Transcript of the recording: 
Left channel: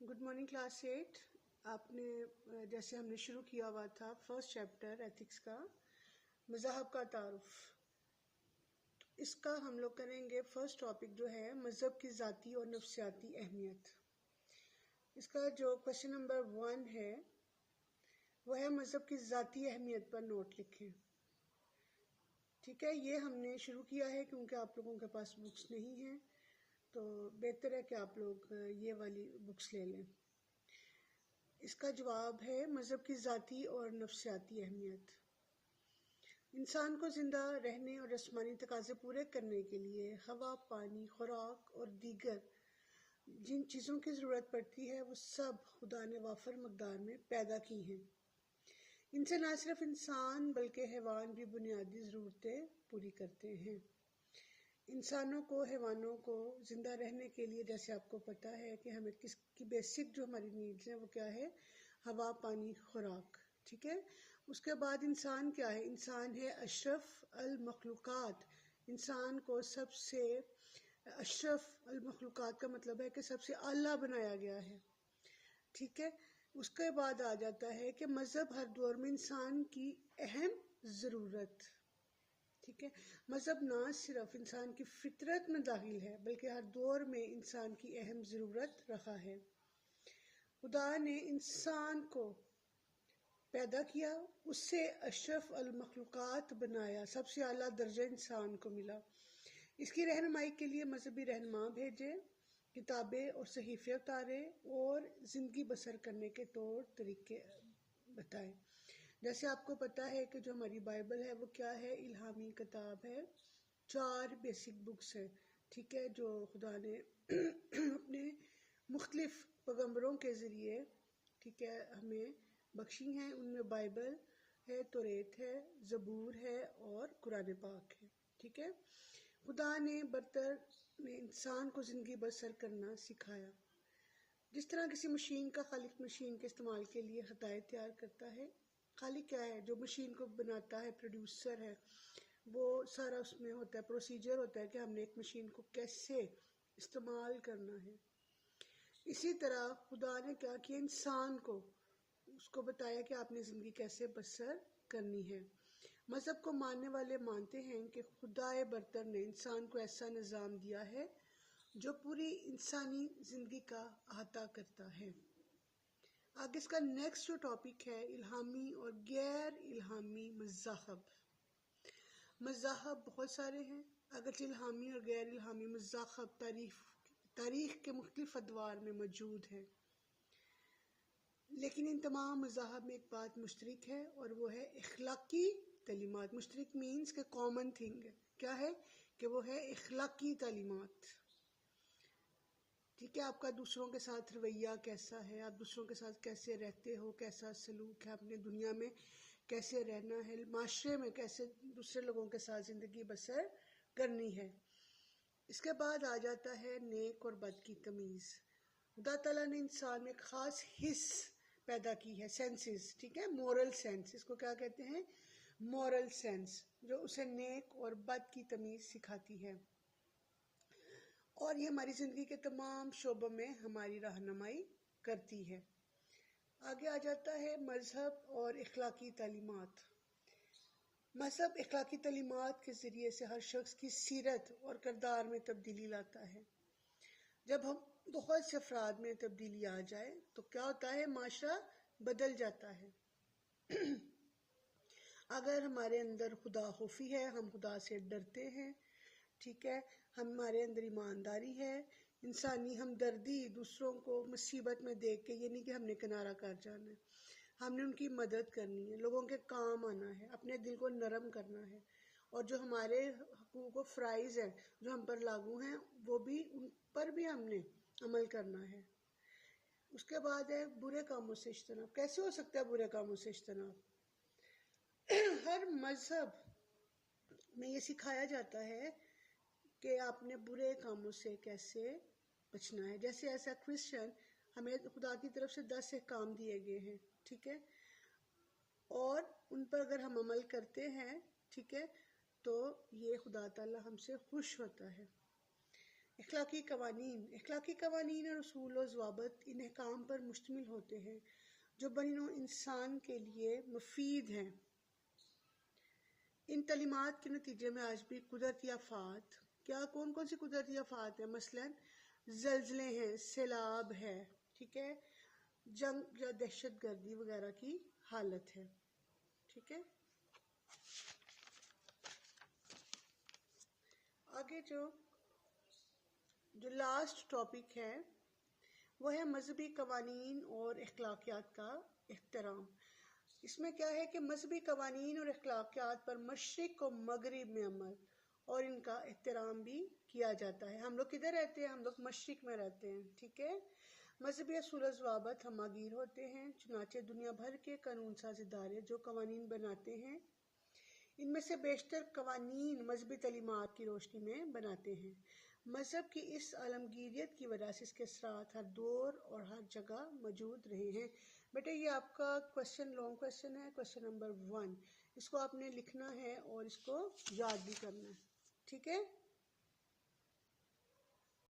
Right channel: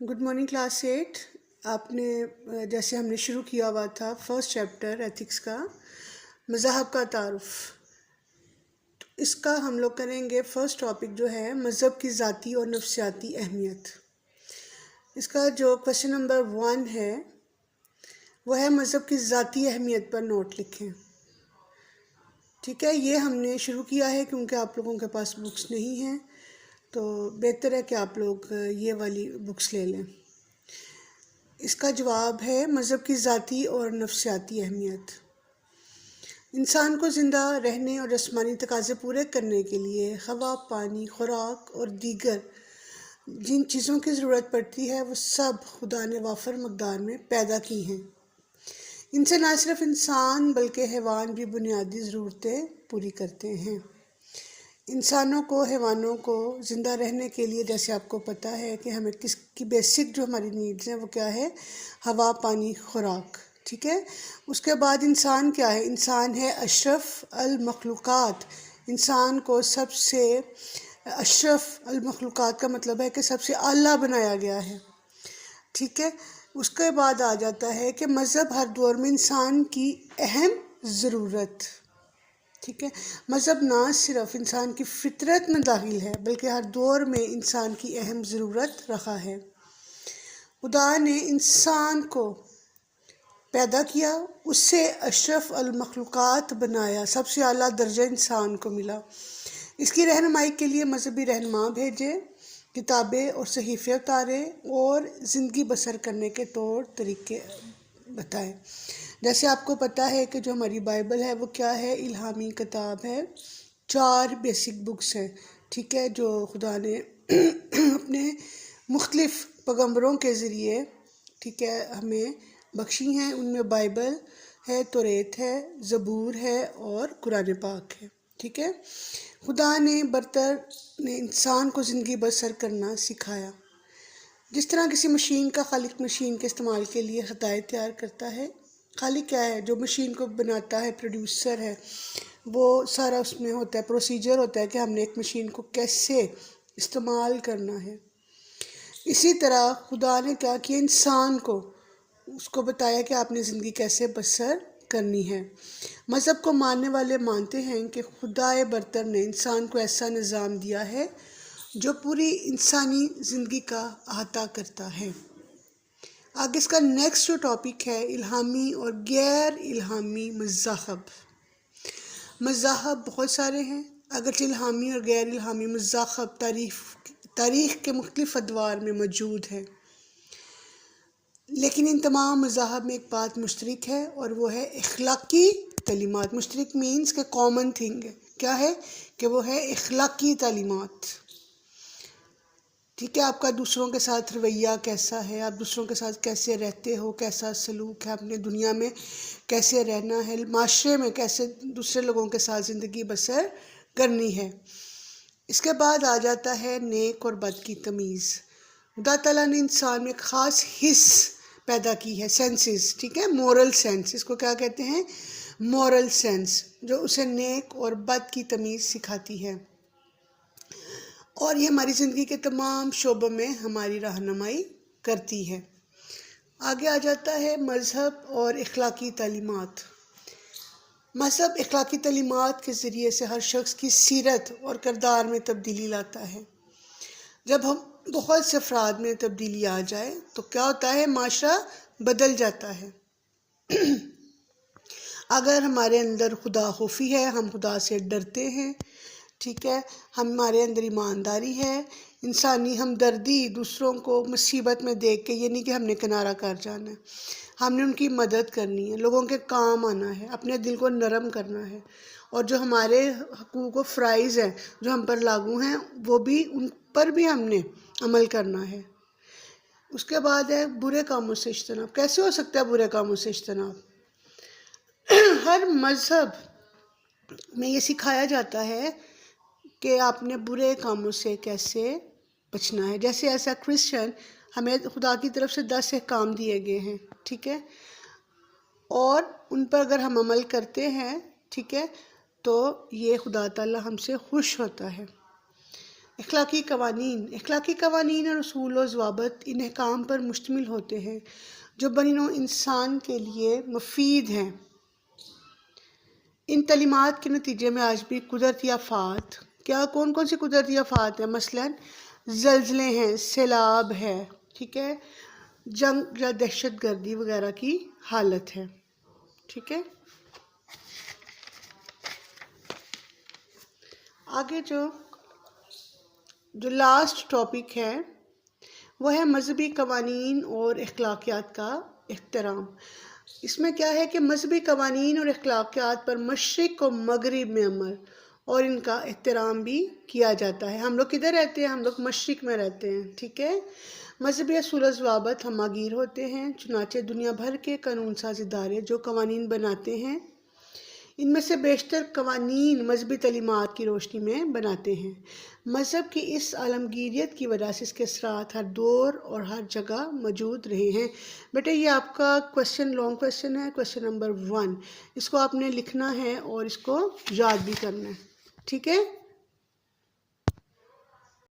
Good morning class 8۔ آپ نے جیسے ہم نے شروع کیا ہوا تھا فرسٹ چیپٹر ایتھکس کا، مذاہب کا تعارف، تو اس کا ہم لوگ کریں گے فرسٹ ٹاپک جو ہے مذہب کی ذاتی اور نفسیاتی اہمیت۔ اس کا جو کویشچن نمبر 1 ہے وہ ہے مذہب کی ذاتی اہمیت پر نوٹ لکھیں۔ ٹھیک ہے، یہ ہم نے شروع کیا ہے کیونکہ آپ لوگوں کے پاس بکس نہیں ہیں، تو بہتر ہے کہ آپ لوگ یہ والی بکس لے لیں۔ اس کا جواب ہے مذہب کی ذاتی اور نفسیاتی اہمیت۔ انسان کو زندہ رہنے اور جسمانی تقاضے پورے کرنے کے لیے ہوا، پانی، خوراک اور دیگر جن چیزوں کی ضرورت پڑتی ہے وہ سب خدا نے وافر مقدار میں پیدا کی ہیں۔ ان سے نہ صرف انسان بلکہ حیوان بھی بنیادی ضرورتیں پوری کرتے ہیں۔ انسانوں کو، حیوانوں کو زندہ رہنے کے لیے جیسے آپ کو پتہ ہے کہ ہمیں کس کی بیسک جو ہماری نیڈز ہیں وہ کیا ہے؟ ہوا، پانی، خوراک۔ ٹھیک ہے، اس کے بعد انسان کیا ہے؟ انسان ہے اشرف المخلوقات۔ انسان کو سب سے اشرف المخلوقات کا مطلب ہے کہ سب سے اعلیٰ بنایا گیا ہے۔ ٹھیک ہے، اس کے بعد آ جاتا ہے کہ مذہب ہر دور میں انسان کی اہم ضرورت۔ ٹھیک ہے، مذہب نہ صرف انسان کی فطرت میں داخل ہے بلکہ ہر دور میں انسان کی اہم ضرورت رہا ہے۔ خدا نے انسان کو پیدا کیا، اس سے اشرف المخلوقات بنایا، سب سے اعلیٰ درجہ انسان کو ملا۔ اس کی رہنمائی کے لیے مذہبی رہنما بھیجے، کتابیں اور صحیفے اتارے اور زندگی بسر کرنے کے طور طریقے بتائے۔ جیسے آپ کو پتہ ہے کہ جو ہماری بائبل ہے وہ کیا ہے؟ الہامی کتاب ہے، 4 بیسک بکس ہیں۔ ٹھیک ہے، جو خدا نے اپنے مختلف پیغمبروں کے ذریعے ٹھیک ہے ہمیں بخشی ہیں۔ ان میں بائبل ہے، توریت ہے، زبور ہے اور قرآن پاک ہے۔ ٹھیک ہے، خدا نے برتر نے انسان کو زندگی بسر کرنا سکھایا۔ جس طرح کسی مشین کا خالق مشین کے استعمال کے لیے ہدایت تیار کرتا ہے۔ خالق کیا ہے؟ جو مشین کو بناتا ہے، پروڈیوسر ہے، وہ سارا اس میں ہوتا ہے، پروسیجر ہوتا ہے کہ ہم نے ایک مشین کو کیسے استعمال کرنا ہے۔ اسی طرح خدا نے کیا کیا؟ انسان کو اس کو بتایا کہ آپ نے زندگی کیسے بسر کرنی ہے۔ مذہب کو ماننے والے مانتے ہیں کہ خدائے برتر نے انسان کو ایسا نظام دیا ہے جو پوری انسانی زندگی کا احاطہ کرتا ہے۔ آگے اس کا نیکسٹ جو ٹاپک ہے الہامی اور غیر الہامی مذاہب۔ مذاہب بہت سارے ہیں، اگرچہ الہامی اور غیر الہامی مذاہب تاریخ کے مختلف ادوار میں موجود ہیں، لیکن ان تمام مذاہب میں ایک بات مشترک ہے اور وہ ہے اخلاقی تعلیمات۔ مشترک مینز کہ کامن تھنگ ہے، کیا ہے؟ کہ وہ ہے اخلاقی تعلیمات۔ ٹھیک ہے، آپ کا دوسروں کے ساتھ رویہ کیسا ہے، آپ دوسروں کے ساتھ کیسے رہتے ہو، کیسا سلوک ہے، اپنے دنیا میں کیسے رہنا ہے، معاشرے میں کیسے دوسرے لوگوں کے ساتھ زندگی بسر کرنی ہے۔ اس کے بعد آ جاتا ہے نیک اور بد کی تمیز۔ خدا تعالیٰ نے انسان میں ایک خاص حس پیدا کی ہے، سینسز۔ ٹھیک ہے، مورل سینس، اس کو کیا کہتے ہیں؟ مورل سینس، جو اسے نیک اور بد کی تمیز سکھاتی ہے، اور یہ ہماری زندگی کے تمام شعبوں میں ہماری رہنمائی کرتی ہے۔ آگے آ جاتا ہے مذہب اور اخلاقی تعلیمات۔ مذہب اخلاقی تعلیمات کے ذریعے سے ہر شخص کی سیرت اور کردار میں تبدیلی لاتا ہے۔ جب ہم بہت سے افراد میں تبدیلی آ جائے تو کیا ہوتا ہے؟ معاشرہ بدل جاتا ہے۔ اگر ہمارے اندر خدا خوفی ہے، ہم خدا سے ڈرتے ہیں، ٹھیک ہے، ہمارے اندر ایمانداری ہے، انسانی ہمدردی، دوسروں کو مصیبت میں دیکھ کے یہ نہیں کہ ہم نے کنارہ کر جانا ہے، ہم نے ان کی مدد کرنی ہے، لوگوں کے کام آنا ہے، اپنے دل کو نرم کرنا ہے، اور جو ہمارے حقوق و فرائض ہیں جو ہم پر لاگو ہیں وہ بھی ان پر بھی ہم نے عمل کرنا ہے۔ اس کے بعد ہے برے کاموں سے اجتناب۔ کیسے ہو سکتا ہے برے کاموں سے اجتناب؟ ہر مذہب میں یہ سکھایا جاتا ہے کہ آپ نے برے کاموں سے کیسے بچنا ہے۔ جیسے ایسا کرسچن ہمیں خدا کی طرف سے 10 احکام دیے گئے ہیں، ٹھیک ہے، اور ان پر اگر ہم عمل کرتے ہیں، ٹھیک ہے، تو یہ خدا تعالیٰ ہم سے خوش ہوتا ہے۔ اخلاقی قوانین اور اصول و ضوابط ان احکام پر مشتمل ہوتے ہیں جو بنی نوع انسان کے لیے مفید ہیں۔ ان تعلیمات کے نتیجے میں آج بھی قدرتی آفات، کون سی قدرتی آفات ہیں؟ مثلاً زلزلے ہیں، سیلاب ہے، ٹھیک ہے، جنگ یا دہشت گردی وغیرہ کی حالت ہے، ٹھیک ہے۔ آگے جو لاسٹ ٹاپک ہے وہ ہے مذہبی قوانین اور اخلاقیات کا احترام۔ اس میں کیا ہے کہ مذہبی قوانین اور اخلاقیات پر مشرق و مغرب میں عمل اور ان کا احترام بھی کیا جاتا ہے۔ ہم لوگ کدھر رہتے ہیں؟ ہم لوگ مشرق میں رہتے ہیں، ٹھیک ہے۔ مذہبی اصول و ضوابط ہمہ گیر ہوتے ہیں، چنانچہ دنیا بھر کے قانون ساز ادارے جو قوانین بناتے ہیں ان میں سے بیشتر قوانین مذہبی تعلیمات کی روشنی میں بناتے ہیں۔ مذہب کی اس عالمگیریت کی وجہ سے اس کے اثرات ہر دور اور ہر جگہ موجود رہے ہیں۔ بیٹا یہ آپ کا لانگ کویسچن ہے، کویسچن نمبر 1۔ اس کو آپ نے لکھنا ہے اور اس کو یاد بھی کرنا ہے، ٹھیک ہے۔